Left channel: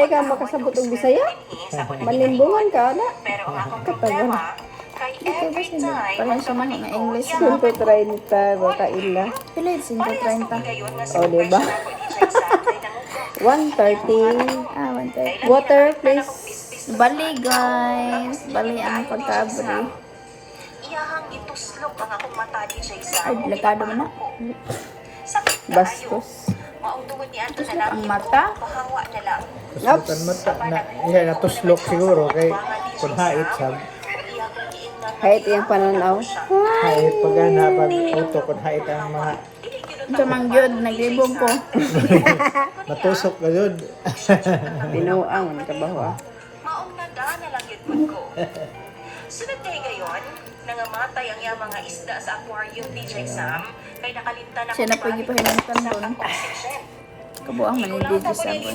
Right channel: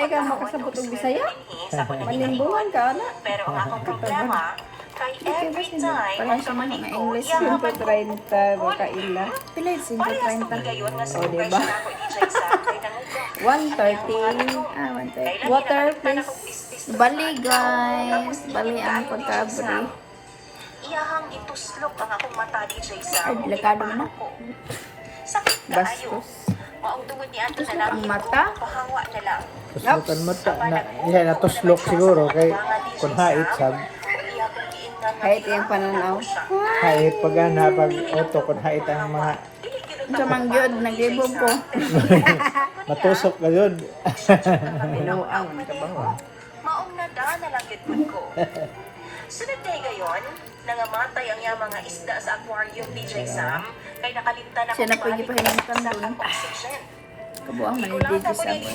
Ka makasabot og Bisaya? Malimbungan ka na. Katawa. Dito ba sila? Parang siya mga English na. 130 baka ila. Pila yung 130? O, diba? 130. 130. Water, please. Bali guys. Bali ang pagkabri. Ay, delikado mo na. Bastos. Tuslok ang mata. Tuslok mata na natuslok siguro kay kung hait sab Kahit yung pananaw. hait pagana pag auto kung hait ang mga Siya mangyod, naglibog ko. matusok ka yun. Pinuang. Kabawa. Maong nadana lang yun ko. Sunod kay gayon, nangamatay ang iyang mga isda sa aquarium ni Sam kay nakalimtan na Siya na pwede pa hinintan doon. Kabuang manindigi sabon.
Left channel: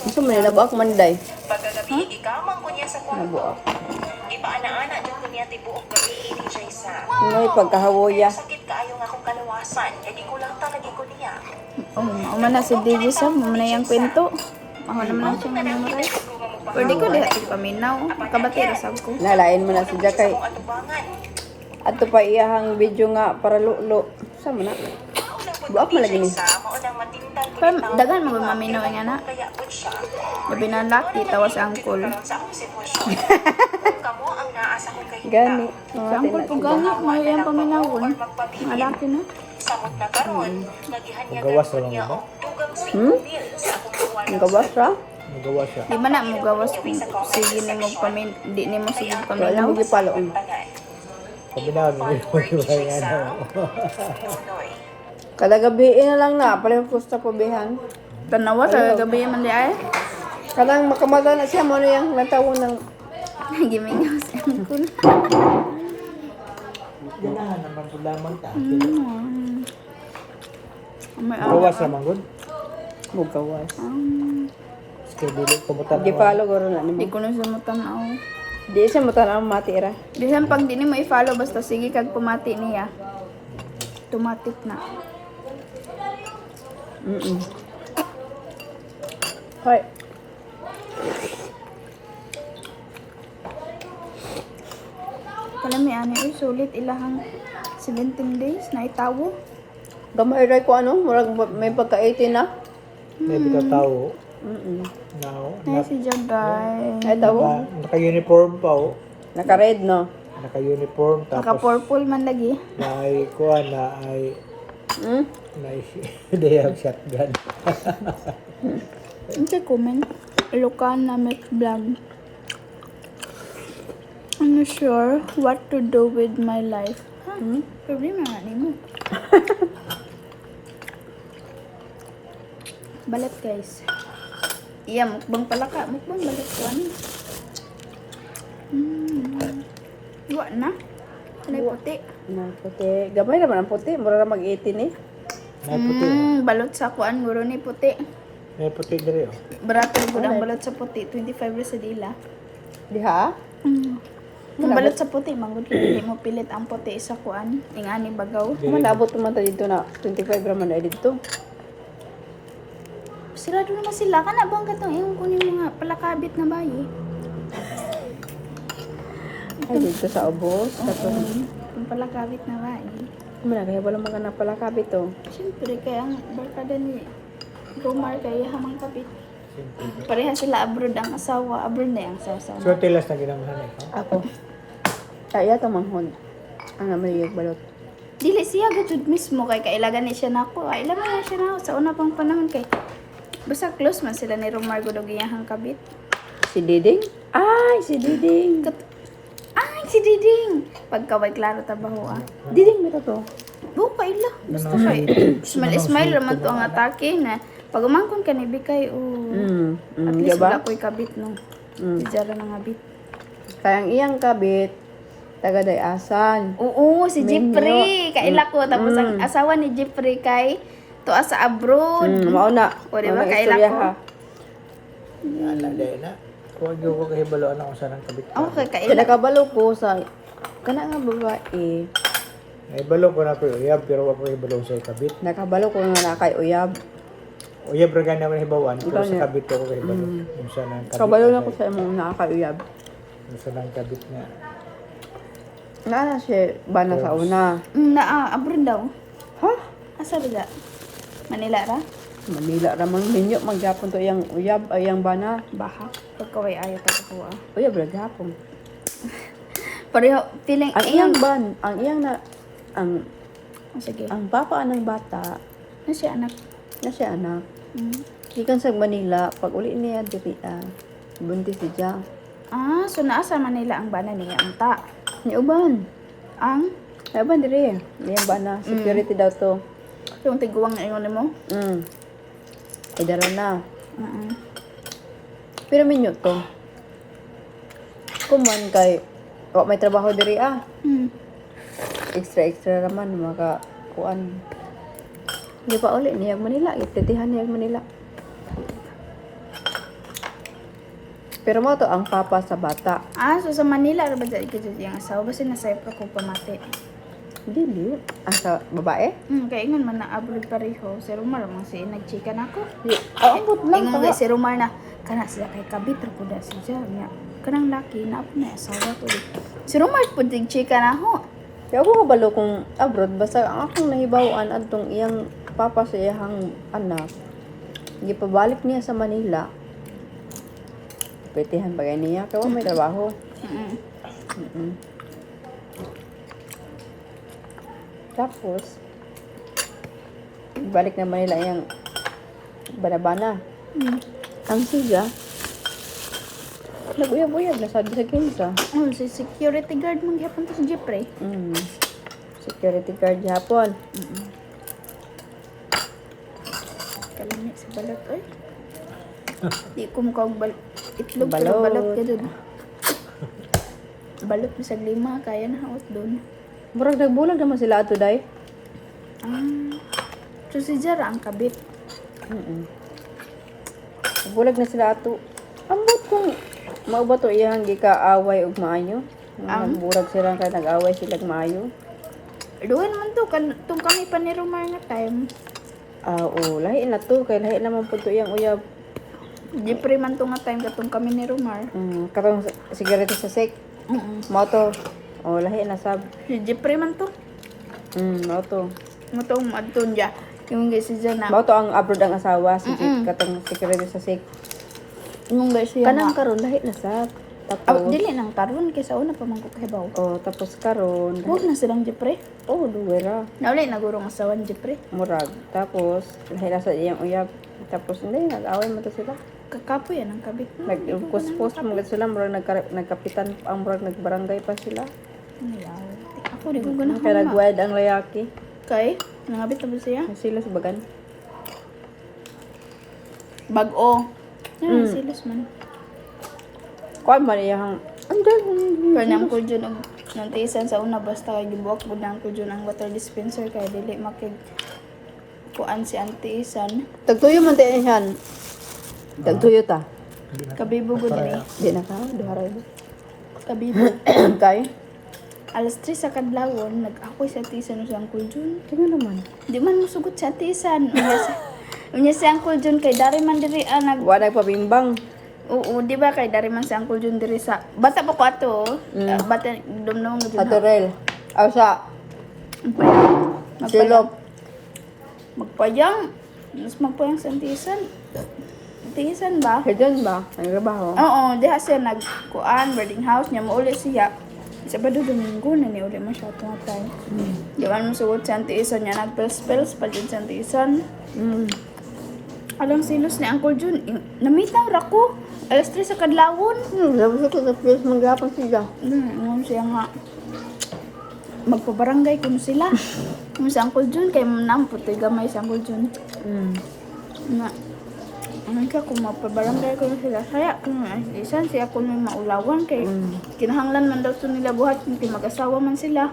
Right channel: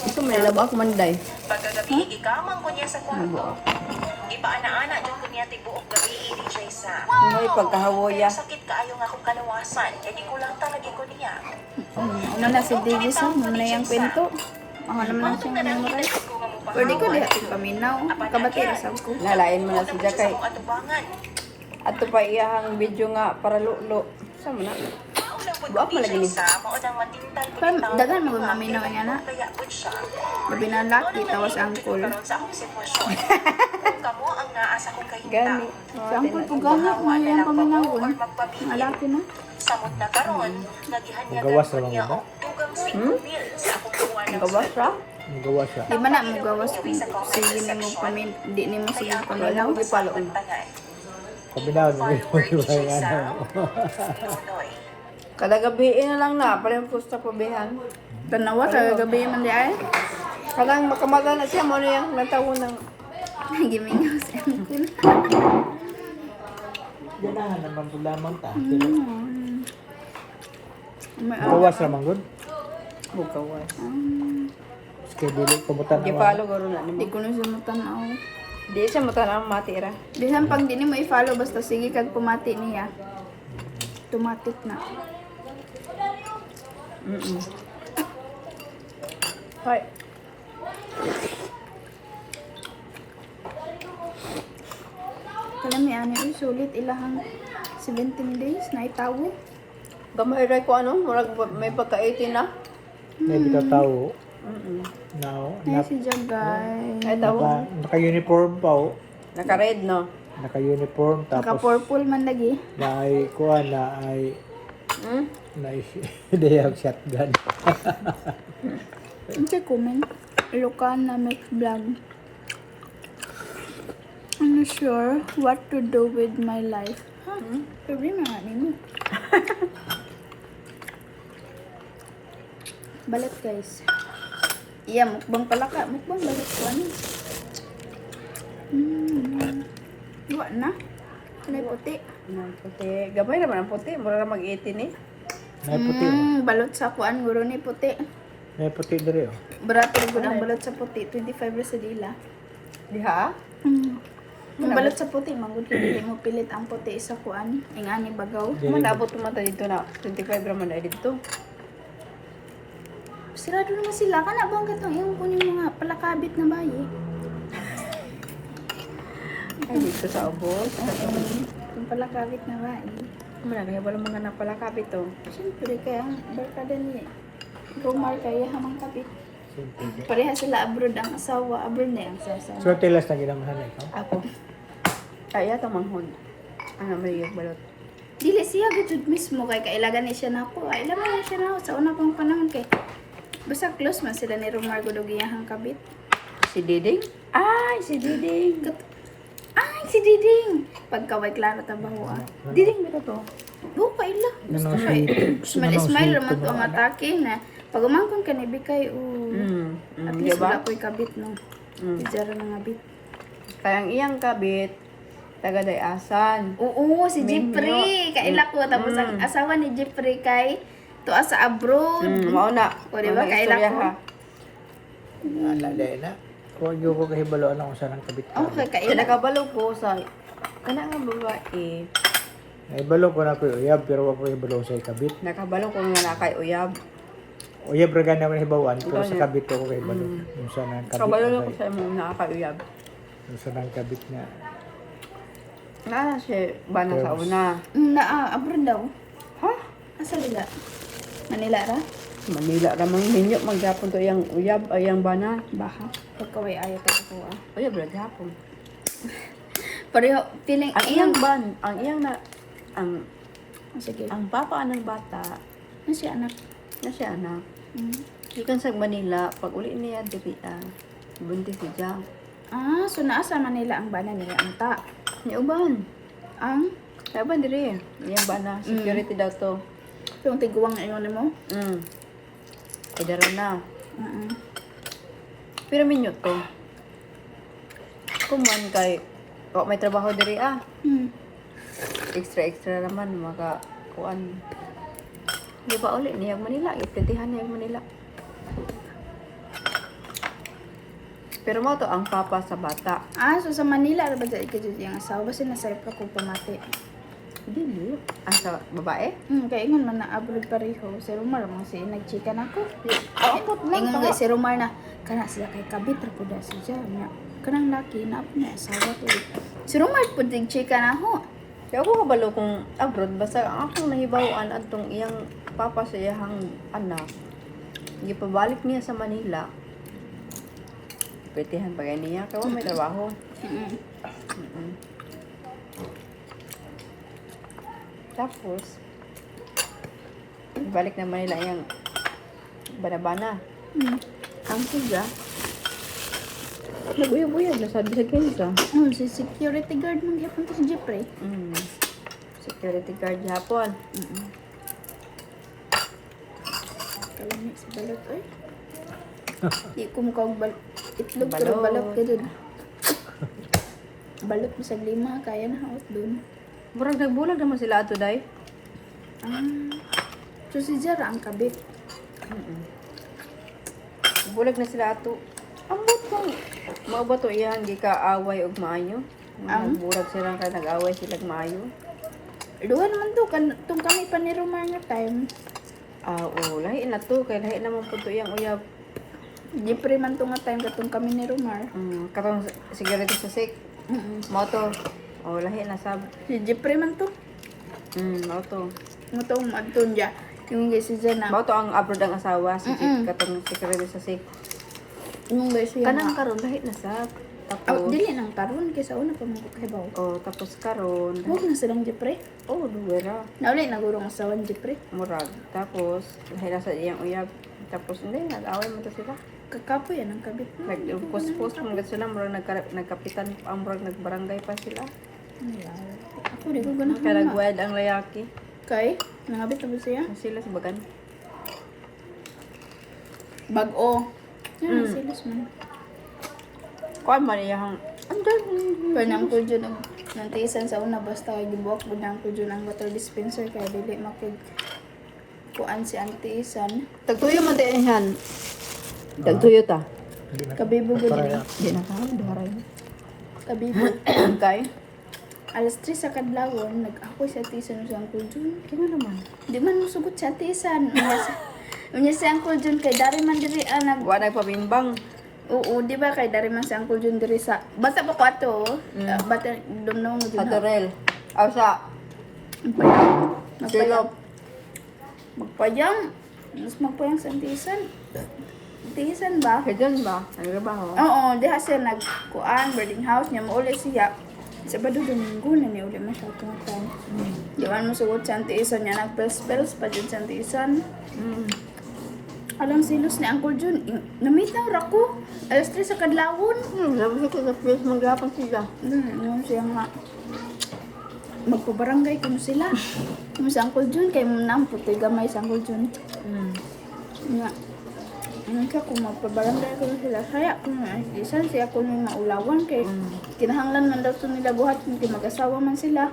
Ito may nalabaak manday. Pagkagabi, ikamang ko niya sa kwarto. Nabuak. Ipaana-ana doon ko niya tibuok gabi ni Sam. May pagkahawoya. Sakit kaayo nga akong kalawasan, kaya di ko lang talaga ko niya. Umana si Digi Sam, umana yung kwento. Ako naman lang siya nga memorize. Pwede ko diha paminaw. Makabatira sab ko. Nalain mo na si Jakay. Atubangan. Ato pa iyahang video nga para lulo. Sama na. Buak mo lagi ni. Sam, o nang matindang Pa, dagan mo ba maminaw nga na? kaya po siya. Gabi na laki, tawas angkol. Sa akong sitwasyon. Kamo ang naasa ko kay Gani. Si angkol po gani, may yung paminawon. Mga laki na. samot na karon, nagihan niya Gawas lang ba? Ang gawas ra? Nagawa siya. Di ba na mo gawas kung sige ni mo di ni mo sige paminaw? Hindi palo. Sabi na mo yung ano. Kada gabi na lang na. Pala yung pusta ko bihan. Tanawa sa gabi man di ay. Kanang makamata na siya mo na yung natawo ng Giminaw si angkol. Yan na naman lamang ta. May Gawas naman gud. bugawas. Schedule kumutan Di follow ko rin na Di ni ko na siya matanaw. Di siya matanang matira. Bisan pag di ni mo i-follow basta sige kag pumati niya. Automatic na. Hoy. Kala may ani uy sulit ilahang 17 days na itawo. Gamay ray ko ano. Murag may pagka-18 na. May bitaw tao. Now, Ay si Jagay. Ay tawo. naka-uniform pa oh. Naka-red no. Naka-uniform Naka tapos purple man lagi. na ay kuha na ay Hmm? na ideyang shotgun. Ang sa comment. Ilocan na make vlog. I'm not sure what to do with my life. Ha? Problema nga ni mo. Balat guys. Iya, mukbang pala ka. Mukbang balat ko ano. Wa na. Kanay puti. Na puti. Gamay naman ang puti. Mura na mag-18 eh. May puti. Balot sa kuan guro ni puti. May puti diri. Oh. Barato gud ang balot sa puti. 25 sa dila. Diha? Yung balot sa puti, manggod hindi mo pilit ang puti sa kuan. Ingani bagaw. Kung naabot naman tayo dito na 25 raman na dito. Sarado naman sila. Kana bang katong yung kunin mga palakabit na bayi? Ay, dito sa ubos. Yung palakabit na bayi. Muna kaya wala mga napalakabit to. Siyempre, kaya ang barkada ni Romar kaya hamang kapit. Pareha sila abroad ang asawa. Abroad na yung asawa. So tilas na ginamahan ito. Ako. Kaya ito manghon. Ano may yung balot. Dili siya gud mismo kay kailagan ni siya nako. Ilagan na siya nako sa una pang panahon kay basta close man sila ni Romar gud og iyang kabit. Si Diding? Ay, si Diding. Ay, si Diding! Pagkaway klaro tabaho ah. Diding mo to. Oo, kaila. Basta kay smile raman to ang atake na pag umangkon ka ni Bikay, at least diba? wala ko'y kabit no. Ijara na nga bit. Kaya ang iyang kabit, taga Dayasan. Oo, si Jeffrey. Kaila ko. Tapos ang asawa ni Jeffrey kay tuwa sa abroad. Mauna. O, diba? Kaila ko. Ala dahil na. Huwag yung ko kahibalo ano kung saan ang kabit. Okay, Kaya kaila. nakabalo po sa kana nga babae. May balo ko na po uyab pero wag ko ibalo sa kabit. Nakabalo ko nga na kay uyab. Uyab ra ganda man hibawan, pero Ganya. sa kabit ko kay balo. Yung sa nang kabit. Kabalo na ko sa imong nakakauyab. Yung sa nang kabit na. Naala siya bana sa una. Abroad daw. Ha? Asa diga? Manila ra? Manila ramang ninyo magyapon to yang uyab ay yang bana. Baha. Pagkaway ayat ako Uyab ra gyapon. Pareho, feeling, Ang iyang ban, ang iyang na sige. ang papa ng bata Ano siya anak? na siya anak. Mm. Gikan sa Manila, pag uli niya diri buntis siya. So naa sa Manila ang bana niya unta. Ni uban. Ang Uban diri. Yang bana security daw to. yung tiguwang ingon mo? Ay dara na. Mm-mm. Pero minyo to. Kuman kay may trabaho diri Mm. extra naman maka kuan. Di pa uli niya Manila, ipretihan niya Manila. Pero mo to ang papa sa bata. So sa Manila ra ba dai kay yung asawa basta nasa pa ko pamati. Dili. Sa babae? Kay ingon man na abroad pareho. Si Romar man si nagchika nako. Abot Ingon kay si Romar na kana sila kay kabit ra pud siya niya. Kanang laki na po na asawa ko. Si Romar pud nagchika na ho. Kaya ako kabalo kung abroad, basta ang akong nahibawaan antong iyang papa sa iyang anak. Gipabalik niya sa Manila. Petihan bagay niya, kaya may trabaho. Mm-mm. Tapos, balik na Manila yung banabana. Ang siya, nag-uyab-uyab na sabi sa kinsa. Si security guard man gyapon to si Jeffrey. Security guard Japon. Kalami sa balot oy. Di ko mo kag itlog pero Balot. balot ka dun. Balot bisag 5 kaya na haot dun. Murag nagbulag naman sila ato day. So si Jara ang kabit. Bulag na sila ato. Ambot kung mao ba to iyang gika-away ug maayo. Ang? Nagbulag sila kay nag-away sila ug maayo. Duha naman to tung kami pa ni Romar nga time. Lahi na to kay lahi naman po to iyang uyab. Jeffrey man to nga time katong kami ni Romar. Katong security sa sek. Mao to. Lahi na sab. Si Jeffrey man to. Mao to. Nga to madton dia. Yung si Jana. Mao to ang abroad ang asawa si katong security sa sek. Yung guys siya Kanang nga. karon lahi na sab. Tapos Dili nang karon kaysa una pa man ko kahibaw. tapos karon. Huwag na silang Jeffrey. Duwera. Nauli nagurong asawan Jeffrey. Murag. Tapos lahi na sa iyang uyab. Tapos hindi nag-away mo to sila. Kakapoy yan ang kabit. Nag-post mga sila, murag nagkapitan, ang murag nagbarangay pa sila. Ako di ko ganahan Kaya ma. nag-wild ang layaki. Kay, nangabit na ba siya? Sila sa bagan. Bag-o. Yan, silos man. Kuwan man iyang, andyan. Pero nang ko dyan og nung tiisan sa una basta kay gibuak mo nang ko dyan ang water dispenser kay dili makig kuan si auntie isan. Tagtuyo man tayo yan. Tagtuyo ta. Kabibo gud ni. Di na ka, duharay. Kabibo. Kay? Alas 3 sa kadlawon nag-akoy sa tiisan sa Uncle Jun. Kaya naman. Di man musugot sa tiisan. Unya si Uncle Jun kay dari man diri nag Wa nagpabimbang. Oo, di ba kay dari man si Uncle Jun diri sa bata pa ko ato. Bata dumdum Sa Torel. Aw sa Magpayang. Silop. Magpayang. Mas magpayang sa tiisan. Tiisan ba? Kaya ba? Nagtrabaho. Oo, diha siya nagkuan, boarding house niya, mauli siya. Sabado Domingo na ni uli man siya itong time. Di man mo sugot sa tiisan niya, nag-spells pa dyan sa tiisan. Alang silos ni Uncle Jun, namitang rako. Alas 3 sa kadlawon. Sabi ko, nag-face mag-hapon sila. Ngayon siya nga. Magpabarangay kuno sila. Kung sa Uncle Jun, kay namputoy gamay sa Uncle Jun. Nga. Ano siya, kung magpabarangay kuno sila. Kaya, kung isan siya kuno yung maulawan. Kay kinahanglan man daw to nila buhat. Kay mag-asawa man sila.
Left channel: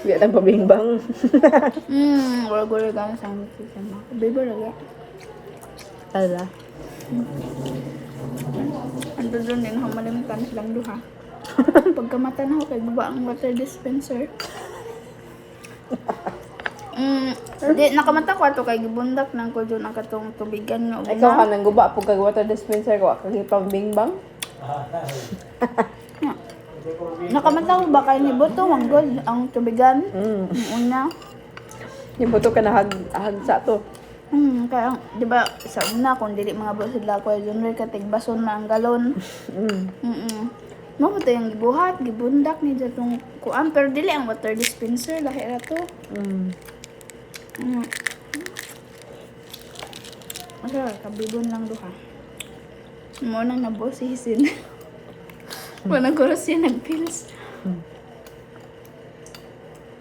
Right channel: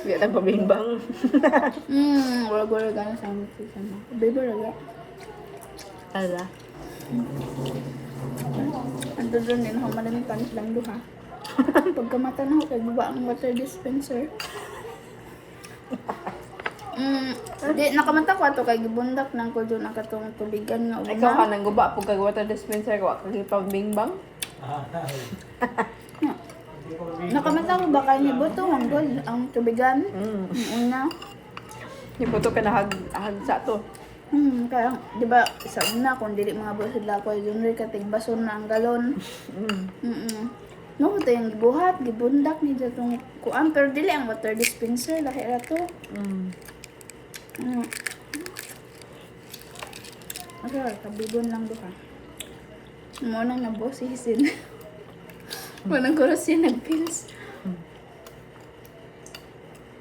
Kaya nagpabimbang. Wala-wala gana sa amin siya. Baby, lagi. Ala. Ando doon din, humalamitan silang duha. Pagkamata na ako, kay guba ang water dispenser. Di, nakamata ko ato kay gibundak ng ko doon ang katong tubigan nga Ikaw ka una. nang guba po kag water dispenser ko kag pambingbang. Nakamata ko ba kay ni Boto ang god ang tubigan? Ang una. Ibuto ka na hag sa to. Kaya, di ba, sa una, kung dili mga bro sila ko, yun rin katigbason na ang galon. No, ito yung gibuhat, gibundak ni datong kuan, pero dili ang water dispenser, lahi ra to. Asa, kabibon lang duha. Mo nang nabosisin. Wanang ko siya nag-pills.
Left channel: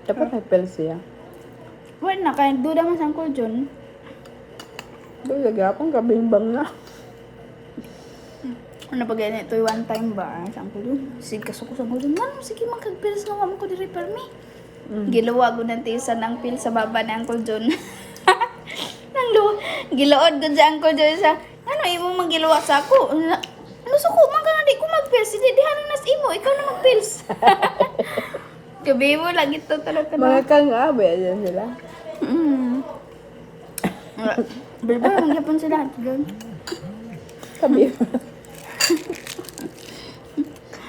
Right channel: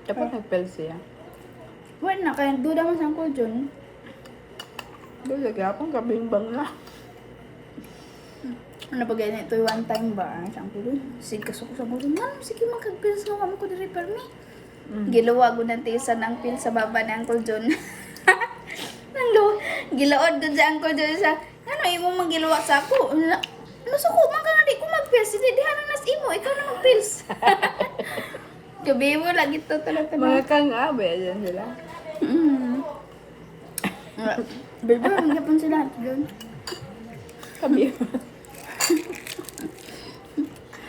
Dapat nagpel siya. Wala na, kaya duda man sang ko dyan. Doon lagapang kabingbang na. Ano pa ganyan ito one time ba? Saan ko dun? Sige kasuko sa ko dun. Manong sige magkag-pills nga mo ko di-repair me. Gilawa ko ng tisan ng pill sa baba ng Uncle John. Gilaod ko sa Uncle John sa, ano, imo magilawa sa ako? Ano suko, man ka nga di ko mag-pills. Hindi, di halang nas imo, ikaw na mag-pills. Gabi mo, lagi to talaga. Mga kang abe, yan sila. Berba, mangyapon sila doon. Kabi.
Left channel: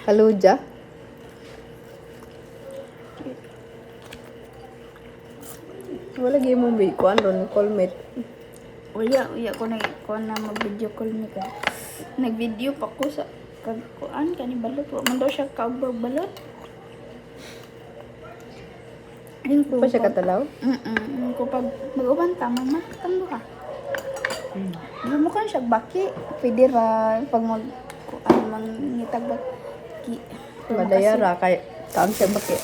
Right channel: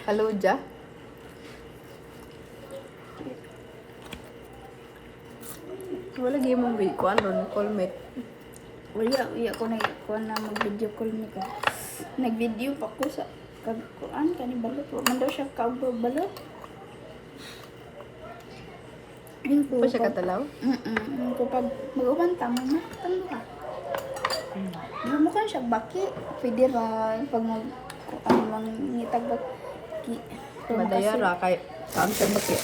Haluja. Wala lagi mong kuan ron callmate. Uya ko na mag-video call mi ka. Nag-video pa ko sa kagkuan kani balot. Wa man daw siya kaubag balot. Ayun ko. Pa siya katalaw? Ayun ko pag mag-uban tama na tang duha. Mo kan siya baki. Pwede ra pag mag kuan mangitag baki. Madayara kay kaam sa baki.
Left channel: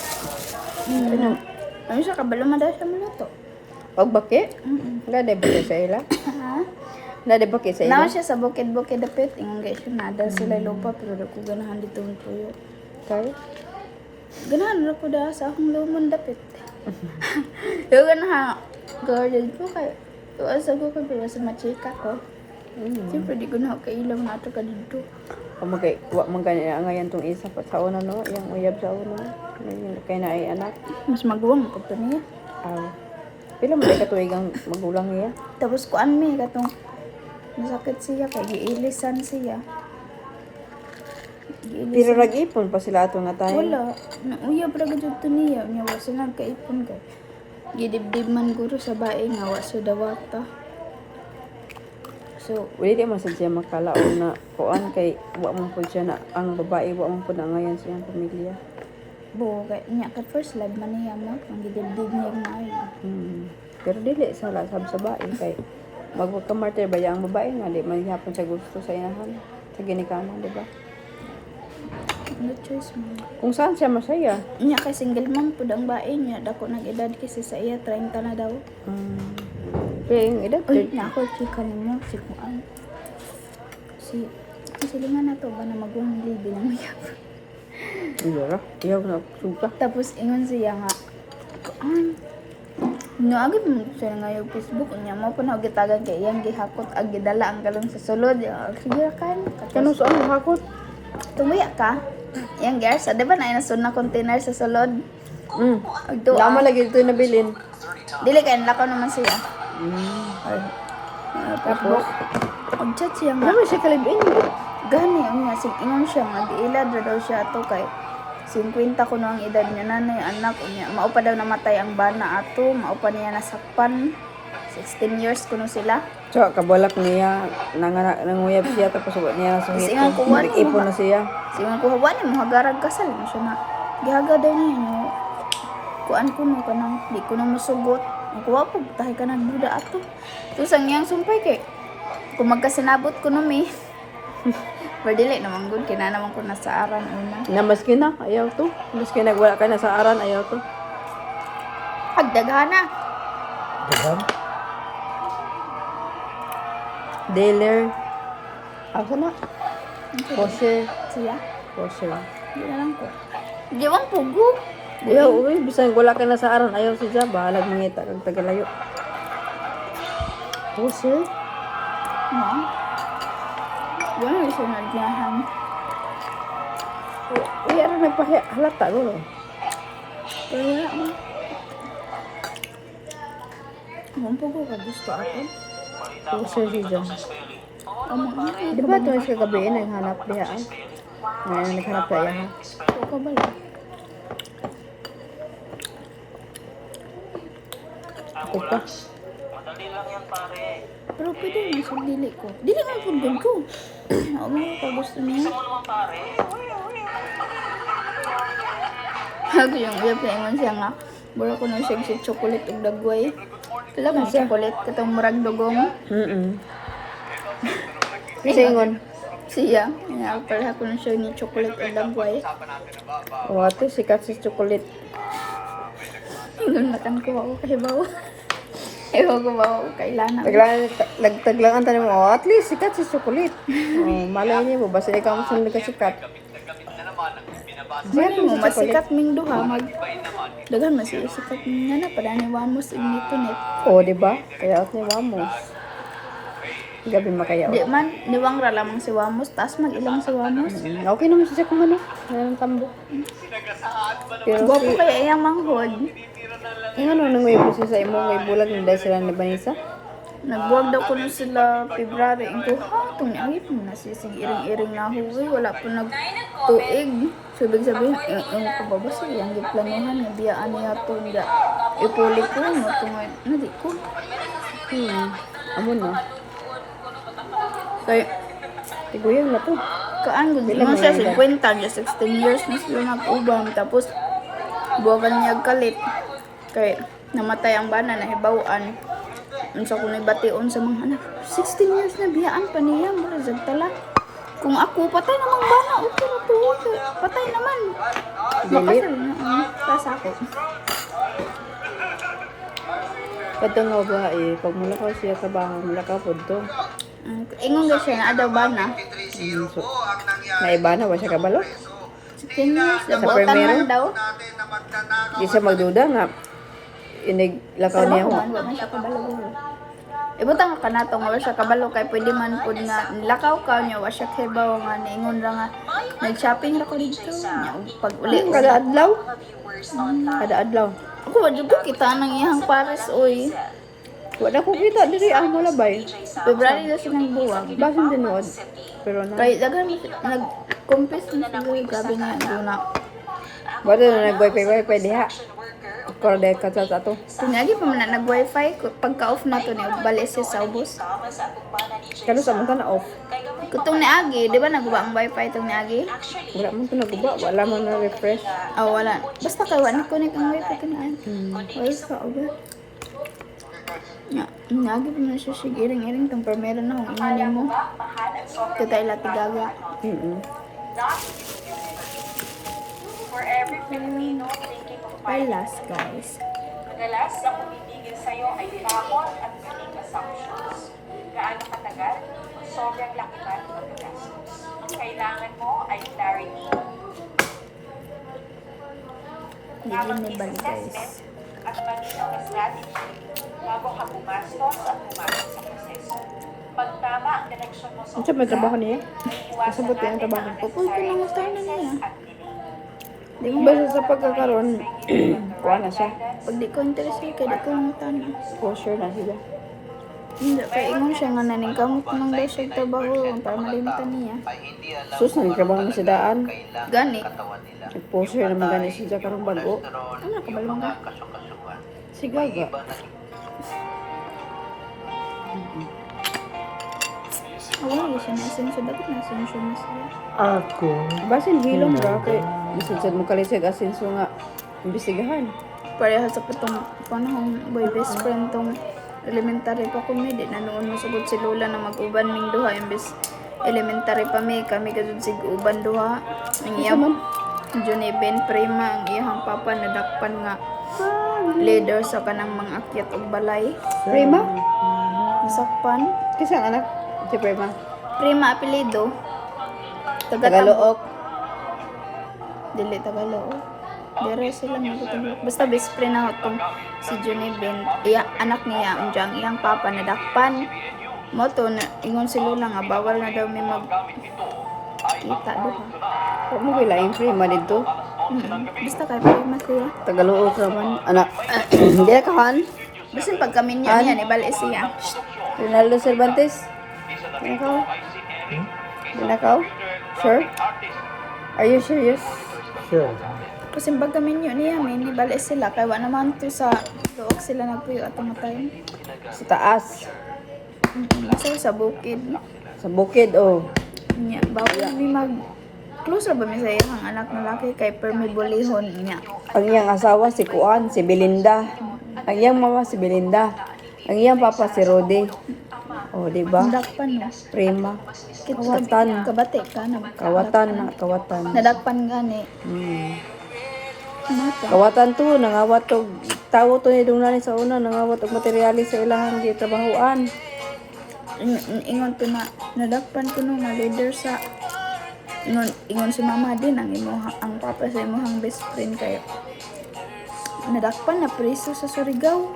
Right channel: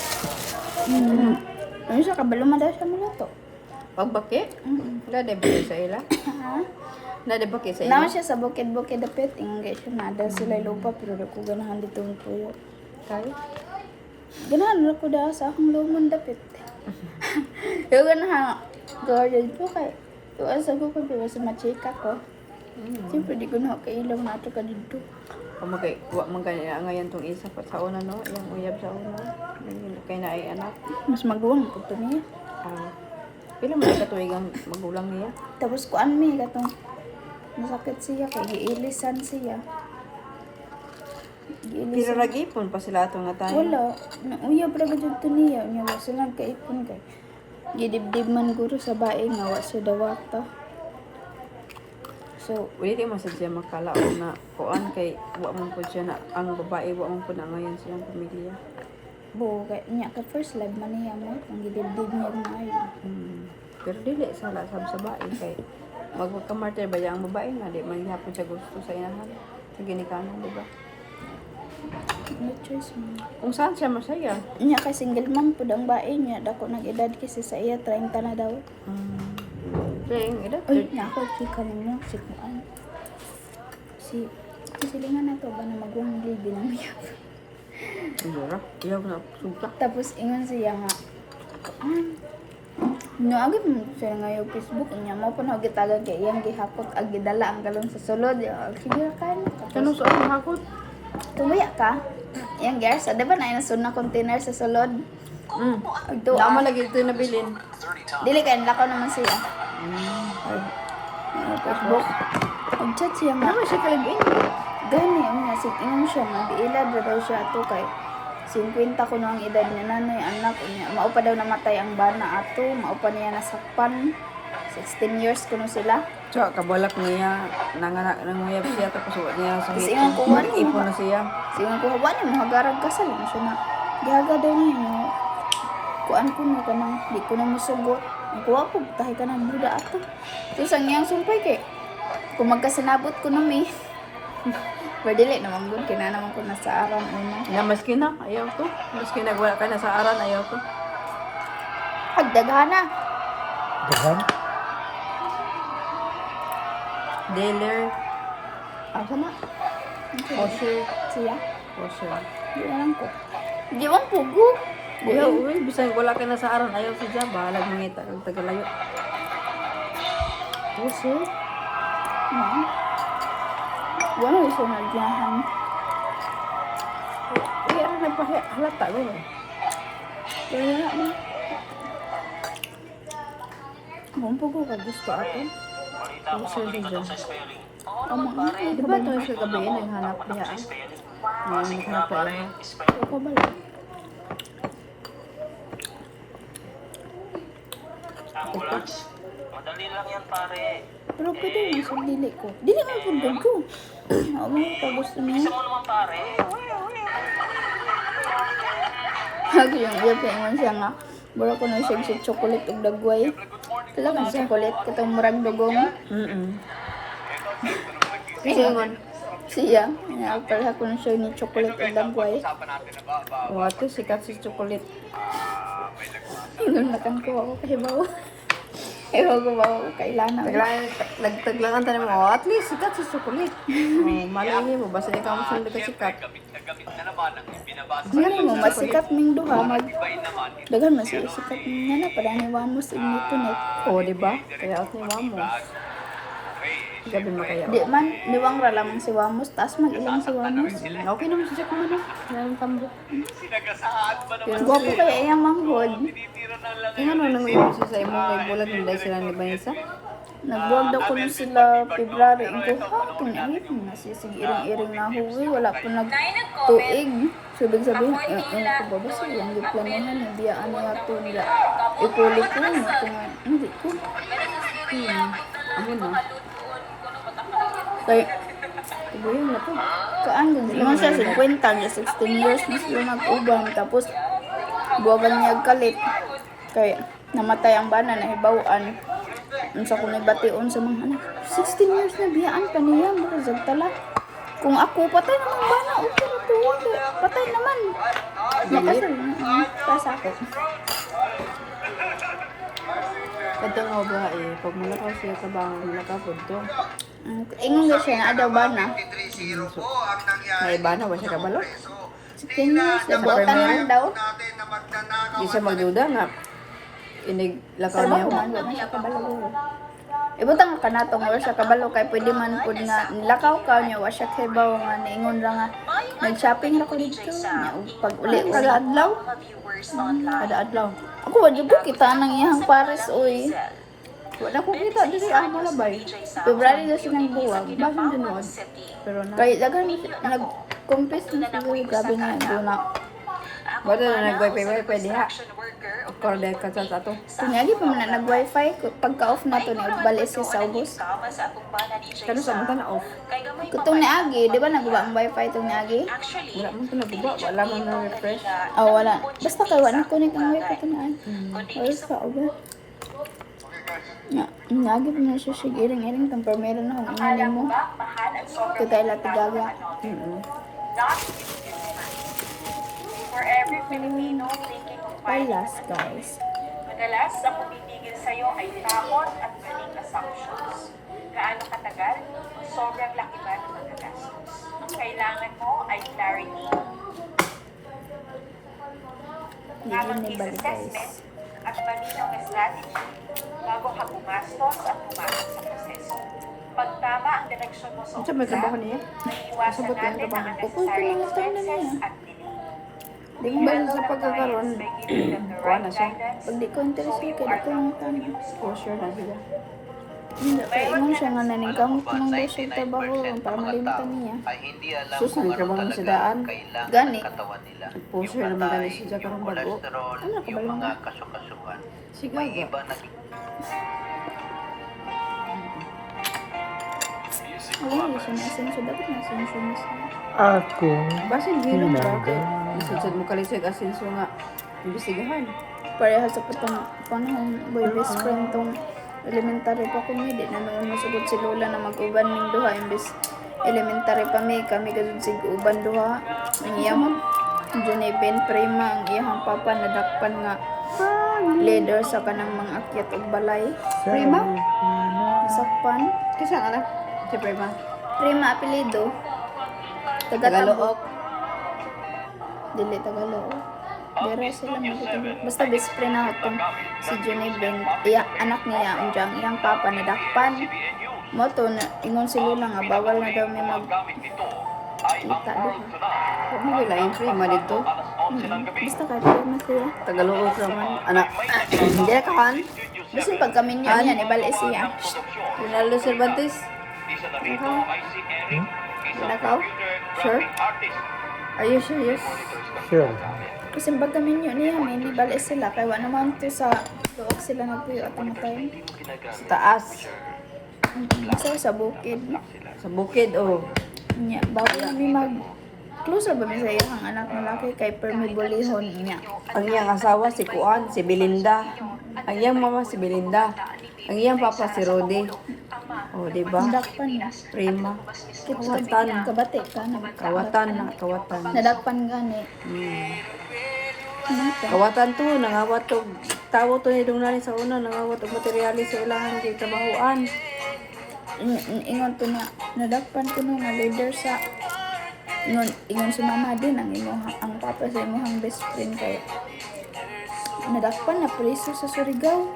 Ano siya kabalo man daw siya maluto. Pag baki? Nade baki sa ila? Ha? Nade baki sa Naman ila? siya sa bukid-bukid dapit. Ingon guys siya nada sila lupa pero dako ganahan dito ang tuyo. Kay? Ganahan ra ko da sa akong lumon dapit. Yo ganahan garden ko kay tuasa ko kay pero sa machika ko. Siyempre di ko na kailaw na ato ka dito. O magay wa man kani ngayon tong isa pa sa una no, yang uyab sa una. Kay na ay anak. Mas maguwang ko to niya. Pila man katuig ang magulang niya? Tapos kuan mi katong masakit siya kay giilisan siya. Pero nag-ipon pa sila ato nga tayo. Wala. Nauyab ra gud to niya. Unya wa sila nagkaipon kay. Gidibdib man guro sa bae nga wa siya dawata. So, Wala man sa siya makalaon na kuan kay wa man po siya na ang babae wa man po na ngayon siyang pamilya. kay niya ka first love man niya mo. Ang gidibdib niya maayo. Pero dili sala sa babae kay magkamartir ba ang babae nga di man gyapon siya gusto sa inahan. Sa ginikanan, di ba? No choice man. Kung saan siya masaya. Niya kay single mom pud ang bae niya. Dako nag-edad kasi sa iya 30 na daw. Pero yung edad, Uy, na ako chika mo si kuan. Si silingan na to ba na magwang libi ng uyab. wala. Iyaw na suka. Tapos ingon siya nga kuan. No, agad mo siya nga yung Facebook niya mo pa na gitagan kay iyang gihakot ag gidala ang galon sa sulod. Sige kan. Kano sa ang hakot? Tumuya ka. Yang gas, di ba na inasun na container sa sulod? Ag Wala doa. lagi ito nabilin. Dili kay lakaw naman siya. Ay. Facebook. Ag chat siya nga. Ano siya kalibin? Gani nga sig ingon siya nga diilad ra daw siya ato kay 50 ko na ang edad niya nanay anak unya mao pa daw namatay ang bana ato mao pa niya nasakpan 16 years kuno sila. So, kabalak niya, nanguyab siya, tapos wala niya sa Kasi nga kuha niya, ipon na siya. Siya ko hawa ni mo hagarag kasal mo siya na. Gihaga daw niya no. Kuan ko no kanang di ko na mosugot. Ang kuha po tahi ka ng duda ato. Tapos ang iyang sumpay kay kung magkasinabot ko no mi. Pardili naman gud kina naman ko nasa aran una. Na maski na, ayaw to. Maski nagwala ka na sa aran, ayaw to. Agdaghana. Dihan? Dealer. Ano na? Washer. Siya. Washer. Di na lang ko. Di man pugo. Ayaw, uy, bisang wala ka na sa aran, ayaw siya. Bahalag mangita, kag tagalayo. Washer? No. Wala siya nagyahan. Uy, ano nagpahalata, bro? Pero wala man. Kung po ko ka gusto ato. Sir Dijon. Ang mga Di ba ito sa gabi naghanap diha? Naghanap tayo ha? Ako ba lang? Ako pa. Pero pwede naman sa dili ko. Dili man po good ko. Ako mga pa gusto niya. Ako yung uyab ka ingon siya nga. Bura ko na siya si chocolate ug dagway. Talagang chocolate katong murag dugong. Singon. Siya. Pareha ko na siya ni chocolate ug dagway. Wato, sikat sa chocolate. Ingon nakan ko ako kahibaw. Ewan ko ba ako kailangan. Nagtaglangan tayo mo, at least sikat sa chocolate. Malay niyo mo, basta ikaw ang sunod ka sikat. Mali mo, masikat ming duha, daghan man siya sikat ming nga na, padaniwan mo sa inito net. Oo, di ba? Kaya ako Wamos. Gabi makaya. Di man, niwang ra lamang si Wamos, taas mag-ilang si Wamos. Okay naman siya kung ano. Mayroong tambo. Pero Gwapo kaya iyang manghod. ano nang may siya sa imo, may bulag hindi sila ni Vanessa? Nagbuwag daw ko na sila February. Ito, ha, tunyawit mo na siya. Sige, iring-iring na huwi. Wala po nagtuig. So, ibig sabihin, ko ba ba siya? Yung planuhan niya, biyaan niya ito. Nga, ipuli ko. Hindi ko. Ano na? Kaya, Tiguyang na to. kaan gud mo siya 50 niya 16 years na sila nag-ubam tapos buwagan niya kalit kay namatay ang bana na hibawaan unsa ko nabation sa mga anak 16 years na biyaan pa niya mura tala kung ako patay namang bana okay ra tuwa patay naman makasal na sa ako Ito nga ba pag mulakaw siya sa bangang mulakaw po ito. ingon ga siya na adaw bana So, may iba na ba siya kabalo? 16 years nabuotan man daw Di siya magduda nga. Iniglakaw niya. trabaho man wa man siya kabalo guro ibutang nga kanatong wala siya kabalo kay pwede man pud nga nilakaw ka niya wa siya kibaw nga niingon ra nga nag-shopping ra ko dito nya pag uli Kada adlaw? Kada adlaw. ako wa jud ko kita nang iyang pares oy Wala ko kita diri ang malabay. February na siya nang buwag Basin tinuod. Pero na. kay daghan mo siya- nag-confess na siya grabe niya guna Bato na nag-wifi diha. Korda ka sa ato. tunyagi pa man na nag-wifi pagka-off na to ni balik siya sa ubos Kano sa mga na off. kutong ni Agi di ba naguba ang wifi tong ni Agi Wala mo ito naguba. Wala mo na refresh. wala basta kay wa ni connect ang wifi to na wala ka oga Nagi pa man siya siya iring-iring tong permero na kung inganin mo. Kita ilati gaga. Last guys. Madalas, ang bumibigil sa'yo ay takot at maling assumptions. Gaano katagal? Sobrang laki ba ng pagkagastos? Kailangan mo ay clarity. Hindi ni bali guys. At malinang na strategy bago ka bumastos at pumasok sa proseso. Pag tama ang direksyon mo sa Ano may trabaho niya? Kasabot yung trabaho. Pupul ko lang taon na niya. Di mo ba sa pagkakaroon? Kuha na siya. Pag di ko interested kay di ko lang taon na. For sure na sila. Hindi kay ingon siya nga naning kamot ko lang daw siya trabaho para malimtan niya. Sus, nagtrabaho mo sa daan. Gani. Nag-poster naman gani siya karong bago. Ano na kabalo man ka? Sigaw ba? Wala siya na-asensyo. Dapat na-asensyo na siya. Ako. Basin hilom ba? Kay bisig mo kalisig asenso nga imbestigahan. Pareha sa patong panahon boy best friend tong elementary pa ko mi di na noon masugod si Lola na mag-uban ming duha imbes elementary pa mi kami kadud sig uban duha ang iyang Johnny Ben Prima ang iyang papa nadakpan nga leader sa kanang mga akyat og balay Prima? nasakpan Kisang anak? Si Prima? Prima apelido taga-Tabok Tagalook. dili Tagalog. Dere sila magutulog. Basta best friend na tong si Johnny Ben, anak niya, unjang iyang papa nadakpan. Mo to na ingon si Lola nga bawal na daw may mag kita duha. Huwag mo bilaing Prima dito. Basta kay prima sila. Tagalook naman. Anak. Hindi na kahan. Basin pag kami niya niya, ibalik siya. Ronaldo Cervantes? Tinakaw? Tinakaw? Sure? Are you serious? Sure. Kasi pag kami niya, may ibalik sila. Kaya wala naman to sa dook sila nagpuyo atong time. Sa taas. Nasa sa bukid. Sa bukid, oh. Nya, bawal namin mag... Close ra ba mi sa iyang anak na laki kay permibulihon niya. Ang iyang asawa si Kuan, si Belinda. Ang iyang mama si Belinda. Ang iyang papa si Rodi. Oh, di ba? Nadakpan mo. Prima. Kawatan. Kabate ka. Kawatan. Nadakpan gani. Ano to? Kawatan to, nanghawat og tawo to ni Dunani sa una, nanghawat og materyales sa ilahan di trabahoan. Ingon to na, nadakpan ko no nga leader sa... Ingon si mama din ang papa sa imuhang best friend kayo. Nadakpan na preso sa Surigao.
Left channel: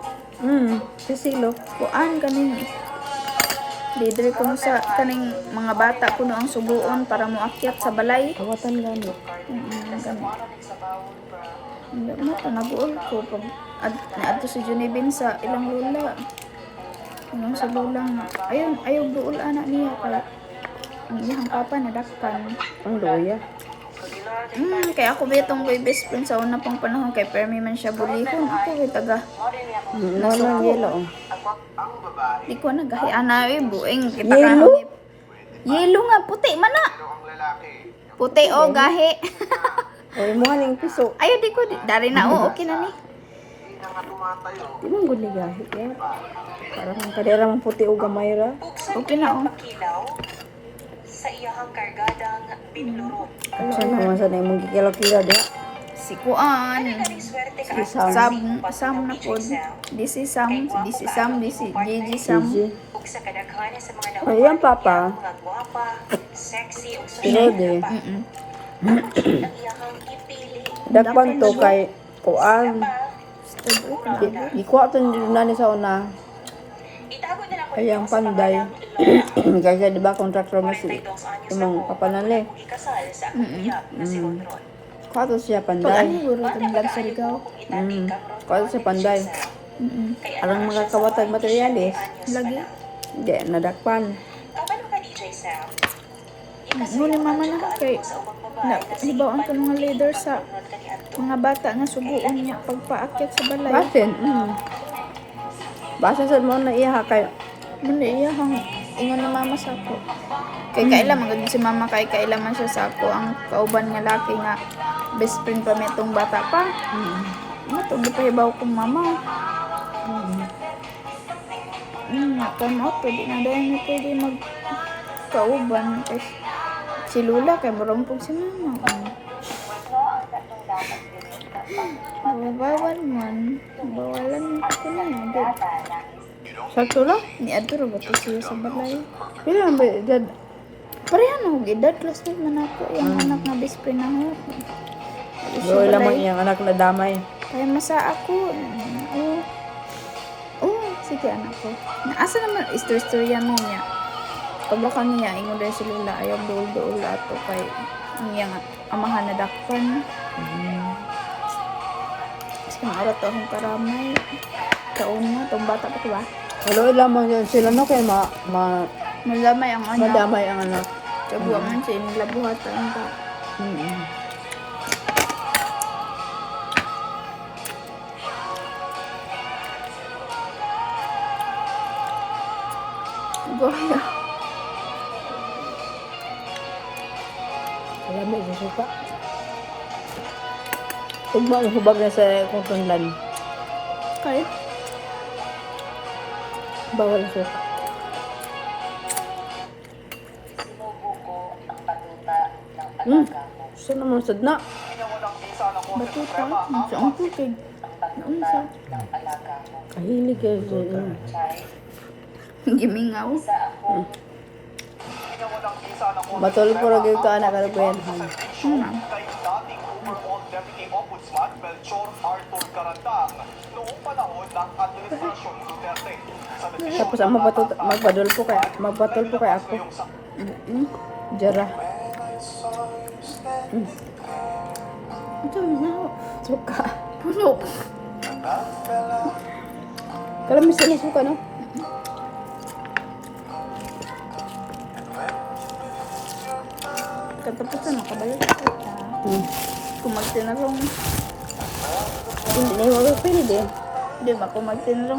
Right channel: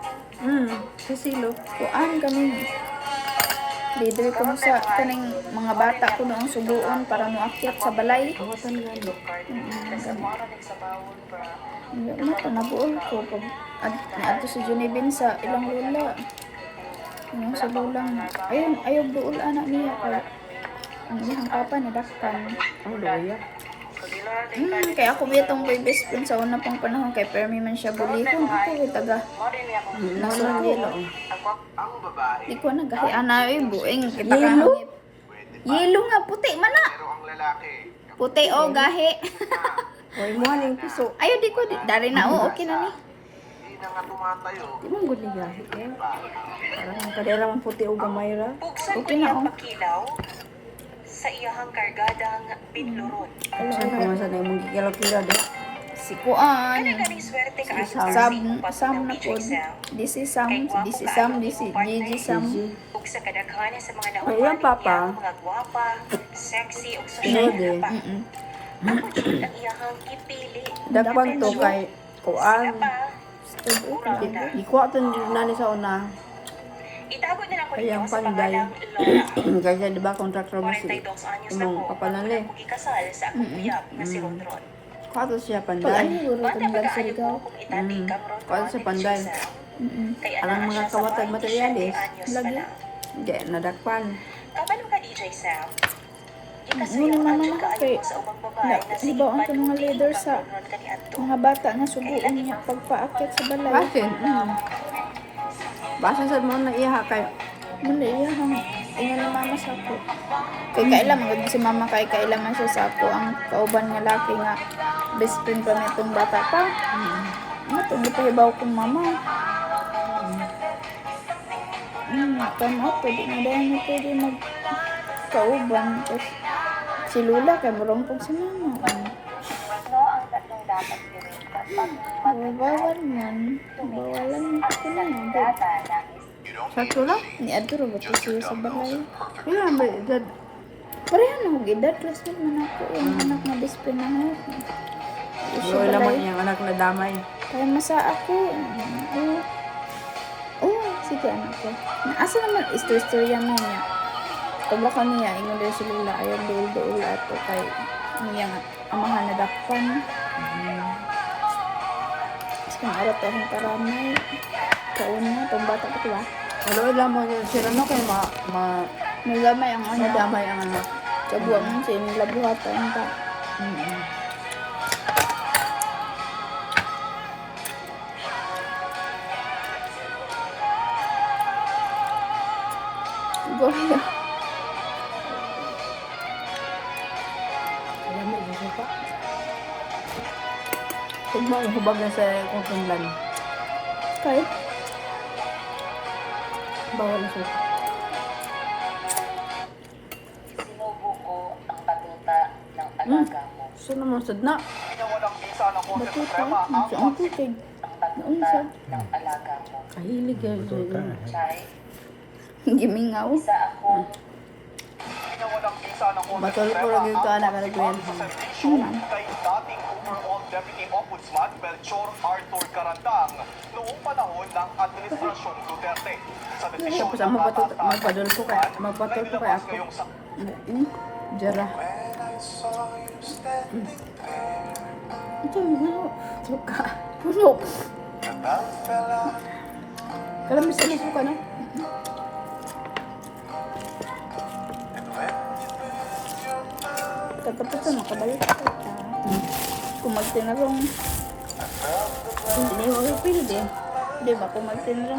Sisilo. Kuan kaning leader ko no sa kaning mga bata ko no ang suguon para moakyat sa balay. Kawatan gani. Kami. Hindi mo to nabuol ko pag adto si Junibin sa ilang lula. Ingon si lula nga ayog duol anak niya kay ang iyang papa nadakpan. Ang loya. Kaya ako bitong boy best friend sa una pang panahon kay permi man siya bulihon. Ako ay taga nasuko. Di ko nagahi ana bueng kita ka. Yelo? Yelo nga puti man na. Puti o gahi. Ay mo ning piso. Ayo di ko dari na okay na ni. Di man gud ligahi eh. Parang ang kadera man puti og gamay ra. Okay na o. Kilaw sa iyahang kargadang pinluro. Saan ko man sa na imong gikilaw-kilaw di? Si Kuan. Swerte ka Si Sam. Sam na pod. This is Sam, this is Gigi Sam. ug sa kadaghanan sa mga Ay, ang papa. nga gwapa, sexy ug Pinodi. iyahang ipili. Dagpang to kay Kuan. Todo kalago. Ikuha to ni Dunani sa una. Itago na lang Ay, ang panday. Kasi di ba contractor mo si imong kapanali. ikasal sa Kato siya Pag ano panday. guro itong vlog sa Rigaw. Kato siya panday. Arang mga kawatag materialis. Lagi. Hindi, nadakpan. Kapan ka DJ Sam? Ngunit mama na kay hibawaan ko nga leader sa mga bata nga suguon niya pagpaakyat sa balay. Basin. Basin sa mga na iya kay Muna iya hang ingon ni mama sa ako. Kay kaila magag si mama kay kaila man siya sa ako ang kauban nga laki nga best friend pa mi itong bata pa. Ano to gipahibaw kong mama. Come out, pwede na dahil na pwede magkauban. Kasi si Lula, kay marumpog si mama. Bawal man. Bawalan ko na yan. Babe. sakto lang. Ni Adro ba ito siya sa balay? Pila ba edad? Pareha na ako edad. Classmate man ako. Yung anak nga best friend na ako. Ito siya Lola balay. man iyang anak na damay. Kaya masa ako. Sige anak ko. Asa naman istorya mo niya. Paglaka niya, ingon din si Lula, ayaw dool-dool ato kay ang iyang amahan na dakpan. Kasi kung araw to akong karamay. Kauna, itong bata pa ito ba? Hello, lamang yan. Sila mo kay Malamay ang anak. madamay ang anak. Kabuha man siya, nilabuhatan ka. Goya. Alam mo, isa pa. Hubag na sa kutunglan. Kahit Bawal sa. Siya naman sad na. batuta, sa ang kukig. Naunsa. Kahilig kayo siya. Gimingaw. Matulog po rin ka anak ka rin. Ma'am. Tapos ang magpadol po kay ako. Jara. Ito na ako. Suka. Puno. Kalamis sa suka, no? Katapusan, makabalik kita. Kung magtinarong, hindi mo magpili. Di ba kung magtinarong